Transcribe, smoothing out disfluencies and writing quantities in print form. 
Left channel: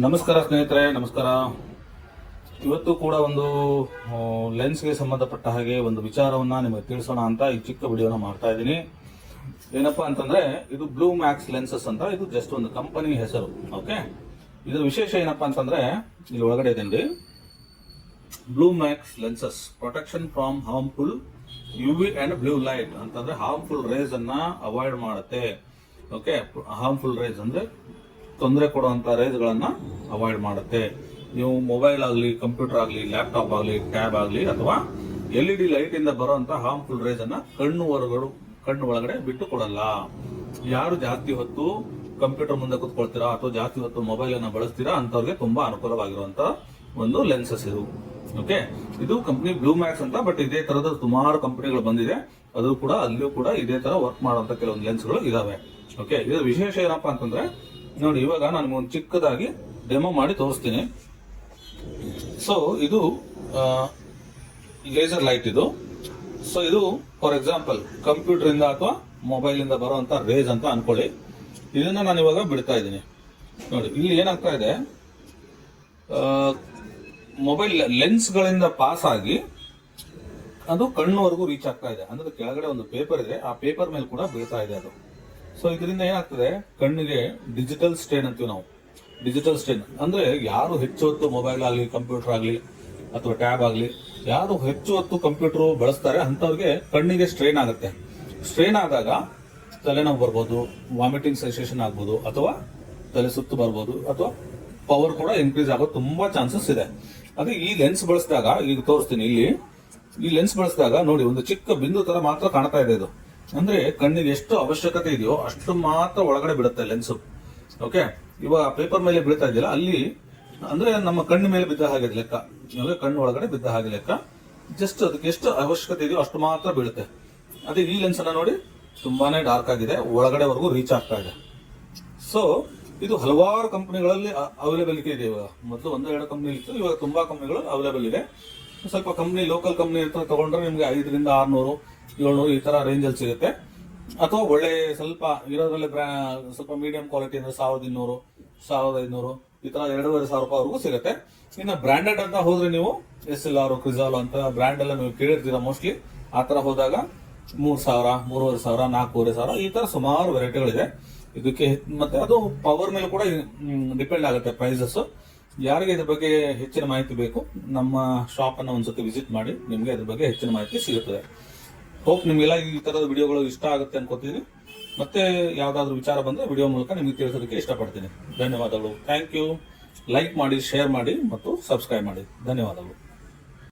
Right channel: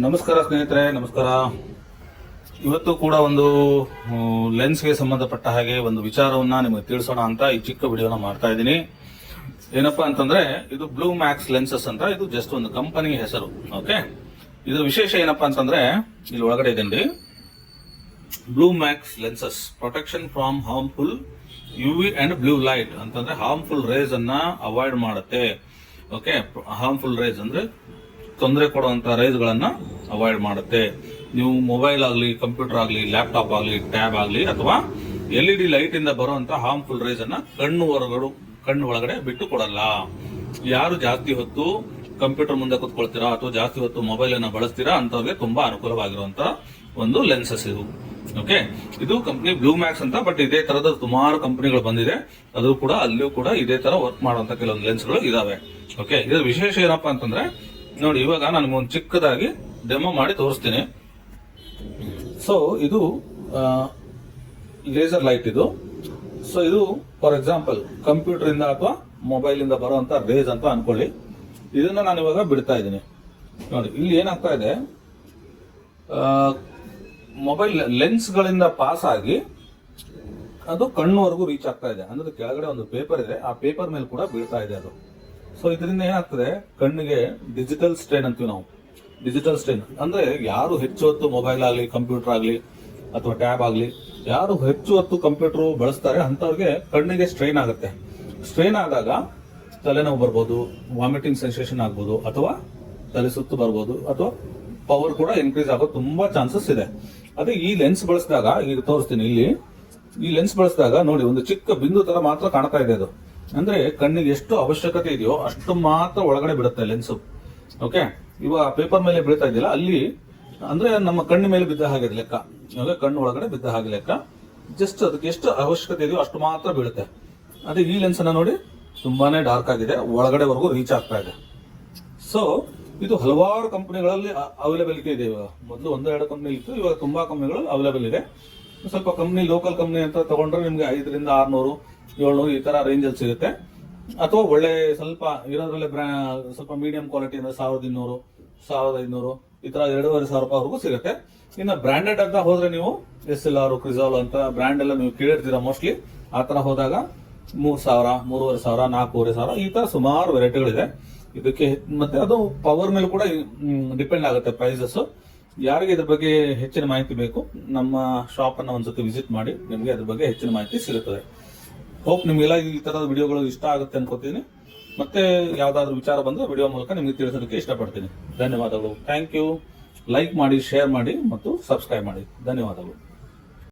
ನಮಸ್ಕಾರ ಸ್ನೇಹಿತರೆ, ನಮಸ್ಕಾರ. ಇವತ್ತು ಕೂಡ ಒಂದು ಲೆನ್ಸ್ಗೆ ಸಂಬಂಧಪಟ್ಟ ಹಾಗೆ ಒಂದು ವಿಚಾರವನ್ನ ನಿಮಗೆ ತಿಳಿಸೋಣ ಅಂತ ಈ ಚಿಕ್ಕ ವಿಡಿಯೋನ ಮಾಡ್ತಾ ಇದ್ದೀನಿ. ಏನಪ್ಪಾ ಅಂತಂದ್ರೆ, ಇದು ಬ್ಲೂ ಮ್ಯಾಕ್ಸ್ ಲೆನ್ಸಸ್ ಅಂತ. ಇದು ಜಸ್ಟ್ ಒಂದು ಕಂಪನಿ ಹೆಸರು. ಓಕೆ, ಇದರ ವಿಶೇಷ ಏನಪ್ಪಾ ಅಂತಂದ್ರೆ, ಇಲ್ಲಿ ಒಳಗಡೆ ಇದೆ blue max lenses protection from harmful UV and blue light ಅಂತಂದ್ರೆ ಹಾರ್ಮ್ಫುಲ್ ರೇಸ್ ಅನ್ನ ಅವಾಯ್ಡ್ ಮಾಡುತ್ತೆ. ಓಕೆ, ಹಾರ್ಮ್ಫುಲ್ ರೇಸ್ ಅಂದ್ರೆ ತೊಂದರೆ ಕೊಡುವಂತ ರೇಸ್ ಗಳನ್ನ ಅವಾಯ್ಡ್ ಮಾಡುತ್ತೆ. ನೀವು ಮೊಬೈಲ್ ಆಗಲಿ, ಕಂಪ್ಯೂಟರ್ ಆಗಲಿ, ಲ್ಯಾಪ್ಟಾಪ್ ಆಗಲಿ, ಟ್ಯಾಬ್ ಆಗಲಿ ಅಥವಾ LED ಲೈಟ್ ಇಂದ ಬರುವಂತ ಹಾರ್ಮ್ಫುಲ್ ರೇಸ್ ಅನ್ನ ಕಣ್ಣು ಒಳಗಡೆ ಬಿಟ್ಟು ಕೊಡಲ್ಲ. ಯಾರು ಜಾಸ್ತಿ ಹೊತ್ತು ಕಂಪ್ಯೂಟರ್ ಮುಂದೆ ಕೂತ್ಕೊಳ್ತೀರಾ ಅಥವಾ ಜಾಸ್ತಿ ಹೊತ್ತು ಮೊಬೈಲ್ ಅನ್ನ ಬಳಸ್ತೀರಾ ಅಂತವ್ರಿಗೆ ತುಂಬಾ ಅನುಕೂಲವಾಗಿರುವಂತ ಒಂದು ಲೆನ್ಸಸ್ ಇದು. ಓಕೆ, ಇದು ಕಂಪನಿ ಬ್ಲೂ ಮ್ಯಾಕ್ಸ್ ಅಂತ. ಬಟ್ ಇದೇ ತರದ ಸುಮಾರು ಕಂಪನಿಗಳು ಬಂದಿದೆ. ಅದು ಕೂಡ ಅಲ್ಲಿಯೂ ಕೂಡ ಇದೇ ತರ ವರ್ಕ್ ಮಾಡುವಂತ ಕೆಲವೊಂದು ಲೆನ್ಸ್ಗಳು ಇದಾವೆ. ಓಕೆ, ಇದು ವಿಶೇಷ ಏನಪ್ಪಾ ಅಂತಂದ್ರೆ, ನೋಡಿ ಇವಾಗ ನಾನು ಒಂದು ಚಿಕ್ಕದಾಗಿ ಡೆಮೋ ಮಾಡಿ ತೋರಿಸ್ತೀನಿ. ಸೊ ಇದು ಲೇಸರ್ ಲೈಟ್ ಇದು. ಸೊ ಇದು ಫಾರ್ ಎಕ್ಸಾಂಪಲ್ ಕಂಪ್ಯೂಟರ್ ಇಂದ ಅಥವಾ ಮೊಬೈಲ್ ಇಂದ ಬರುವಂತ ರೇಸ್ ಅಂತ ಅನ್ಕೊಳ್ಳಿ. ಇದನ್ನ ನಾನು ಇವಾಗ ಬಿಡ್ತಾ ಇದ್ದೀನಿ. ನೋಡಿ ಇಲ್ಲಿ ಏನಾಗ್ತಾ ಇದೆ, ಮೊಬೈಲ್ ಲೆನ್ಸ್ ಗಳಿಂದ ಪಾಸ್ ಆಗಿ ಅದು ಕಣ್ಣುವರೆಗೂ ರೀಚ್ ಆಗ್ತಾ ಇದೆ. ಅಂದ್ರೆ ಕೆಳಗಡೆ ಒಂದು ಪೇಪರ್ ಇದೆ, ಆ ಪೇಪರ್ ಮೇಲೆ ಕೂಡ ಬೀಳ್ತಾ ಇದೆ ಅದು. ಸೊ ಇದರಿಂದ ಏನಾಗ್ತದೆ, ಕಣ್ಣಿಗೆ ಡಿಜಿಟಲ್ ಸ್ಟ್ರೈನ್ ಅಂತೀವಿ ನಾವು. ಡಿಜಿಟಲ್ ಸ್ಟ್ರೈನ್ ಅಂದ್ರೆ ಯಾರು ಹೆಚ್ಚು ಹೊತ್ತು ಮೊಬೈಲ್ ಆಗಲಿ, ಕಂಪ್ಯೂಟರ್ ಆಗಲಿ ಅಥವಾ ಟ್ಯಾಬ್ ಆಗಲಿ, ಯಾರು ಹೆಚ್ಚು ಹೊತ್ತು ಕಂಪ್ಯೂಟರ್ ಬಳಸ್ತಾರೆ ಅಂತವ್ರಿಗೆ ಕಣ್ಣಿಗೆ ಸ್ಟ್ರೈನ್ ಆಗುತ್ತೆ. ಸ್ಟ್ರೈನ್ ಆದಾಗ ತಲೆನೋವು ಬರ್ಬೋದು, ವಾಮಿಟಿಂಗ್ ಸೆನ್ಸೇಷನ್ ಆಗ್ಬೋದು, ಅಥವಾ ತಲೆ ಸುತ್ತು ಬರ್ಬೋದು, ಅಥವಾ ಪವರ್ ಕೂಡ ಇನ್ಕ್ರೀಸ್ ಆಗೋ ತುಂಬಾ ಚಾನ್ಸಸ್ ಇದೆ. ಅದೇ ಈ ಲೆನ್ಸ್ ಬಳಸಿದಾಗ, ಈಗ ತೋರಿಸ್ತೀನಿ ಇಲ್ಲಿ, ಈ ಲೆನ್ಸ್ ಬಳಸಿದಾಗ ನೋಡಿ ಒಂದು ಚಿಕ್ಕ ಬಿಂದು ತರ ಮಾತ್ರ ಕಾಣ್ತಾ ಇದೆ ಅದು. ಅಂದ್ರೆ ಕಣ್ಣಿಗೆ ಎಷ್ಟು ಅವಶ್ಯಕತೆ ಇದೆಯೋ ಅಷ್ಟು ಮಾತ್ರ ಒಳಗಡೆ ಬಿಡುತ್ತೆ ಲೆನ್ಸ್. ಓಕೆ, ಇವಾಗ ಪೇಪರ್ ಮೇಲೆ ಬೀಳ್ತಾ ಇದೆಯಲ್ಲ, ಅಲ್ಲಿ ಅಂದ್ರೆ ನಮ್ಮ ಕಣ್ಣು ಮೇಲೆ ಬಿದ್ದ ಹಾಗೆ ಲೆಕ್ಕ. ಇವಾಗ ಕಣ್ಣು ಒಳಗಡೆ ಬಿದ್ದ ಹಾಗೆ ಲೆಕ್ಕ. ಜಸ್ಟ್ ಅದಕ್ಕೆ ಎಷ್ಟು ಅವಶ್ಯಕತೆ ಇದೆಯೋ ಅಷ್ಟು ಮಾತ್ರ ಬೀಳುತ್ತೆ. ಅದೇ ಈ ಲೆನ್ಸ್ ಅನ್ನ ನೋಡಿ, ತುಂಬಾನೇ ಡಾರ್ಕ್ ಆಗಿದೆ, ಒಳಗಡೆವರೆಗೂ ರೀಚ್ ಆಗ್ತಾ ಇದೆ. ಸೊ ಇದು ಹಲವಾರು ಕಂಪನಿಗಳಲ್ಲಿ ಅವೈಲೇಬಿಲಿಟಿ ಇದೆ. ಇವಾಗ ಮೊದಲು 1-2 ಕಂಪನಿ ಇತ್ತು, ಇವಾಗ ತುಂಬಾ ಕಂಪನಿಗಳು ಅವೈಲೇಬಲ್ ಇದೆ. ಸ್ವಲ್ಪ ಕಂಪನಿ, ಲೋಕಲ್ ಕಂಪನಿ ಅಂತ ತಗೊಂಡ್ರೆ ನಿಮ್ಗೆ 500 600 700 ಈ ತರ ರೇಂಜ್ ಅಲ್ಲಿ ಸಿಗುತ್ತೆ. ಅಥವಾ ಒಳ್ಳೆ ಸ್ವಲ್ಪ ಇರೋದ್ರಲ್ಲೇ ಸ್ವಲ್ಪ ಮೀಡಿಯಂ ಕ್ವಾಲಿಟಿ ಅಂದ್ರೆ 1200 1500 ಈ ತರ 2500 ರೂಪಾಯಿವರೆಗೂ ಸಿಗುತ್ತೆ. ಇನ್ನು ಬ್ರಾಂಡೆಡ್ ಅಂತ ಹೋದ್ರೆ ನೀವು SLR, ಕ್ರಿಸಾಲ್ ಅಂತ ಬ್ರಾಂಡ್ ಎಲ್ಲ ನೀವು ಕೇಳಿರ್ತೀರಾ ಮೋಸ್ಟ್ಲಿ. ಆ ತರ ಹೋದಾಗ 3000 3500 4500 ಈ ತರ ಸುಮಾರು ವೆರೈಟಿಗಳಿದೆ ಇದಕ್ಕೆ. ಮತ್ತೆ ಅದು ಪವರ್ ಮೇಲೆ ಕೂಡ ಡಿಪೆಂಡ್ ಆಗುತ್ತೆ ಪ್ರೈಸಸ್. ಯಾರಿಗೆ ಇದ್ರ ಬಗ್ಗೆ ಹೆಚ್ಚಿನ ಮಾಹಿತಿ ಬೇಕು, ನಮ್ಮ ಶಾಪ್ ಅನ್ನ ಒಂದ್ಸತಿ ವಿಸಿಟ್ ಮಾಡಿ, ನಿಮ್ಗೆ ಅದ್ರ ಬಗ್ಗೆ ಹೆಚ್ಚಿನ ಮಾಹಿತಿ ಸಿಗುತ್ತದೆ. ಹೋಪ್ ನಿಮ್ಗೆಲ್ಲ ಈ ತರದ ವಿಡಿಯೋಗಳು ಇಷ್ಟ ಆಗುತ್ತೆ ಅನ್ಕೋತೀನಿ. ಮತ್ತೆ ಯಾವ್ದಾದ್ರು ವಿಚಾರ ಬಂದ್ರೆ ವಿಡಿಯೋ ಮೂಲಕ ನಿಮ್ಗೆ ತಿಳಿಸೋದಕ್ಕೆ ಇಷ್ಟಪಡ್ತೀನಿ. ಧನ್ಯವಾದಗಳು. Thank you. ಲೈಕ್ ಮಾಡಿ, ಶೇರ್ ಮಾಡಿ ಮತ್ತು ಸಬ್ಸ್ಕ್ರೈಬ್ ಮಾಡಿ. ಧನ್ಯವಾದಗಳು.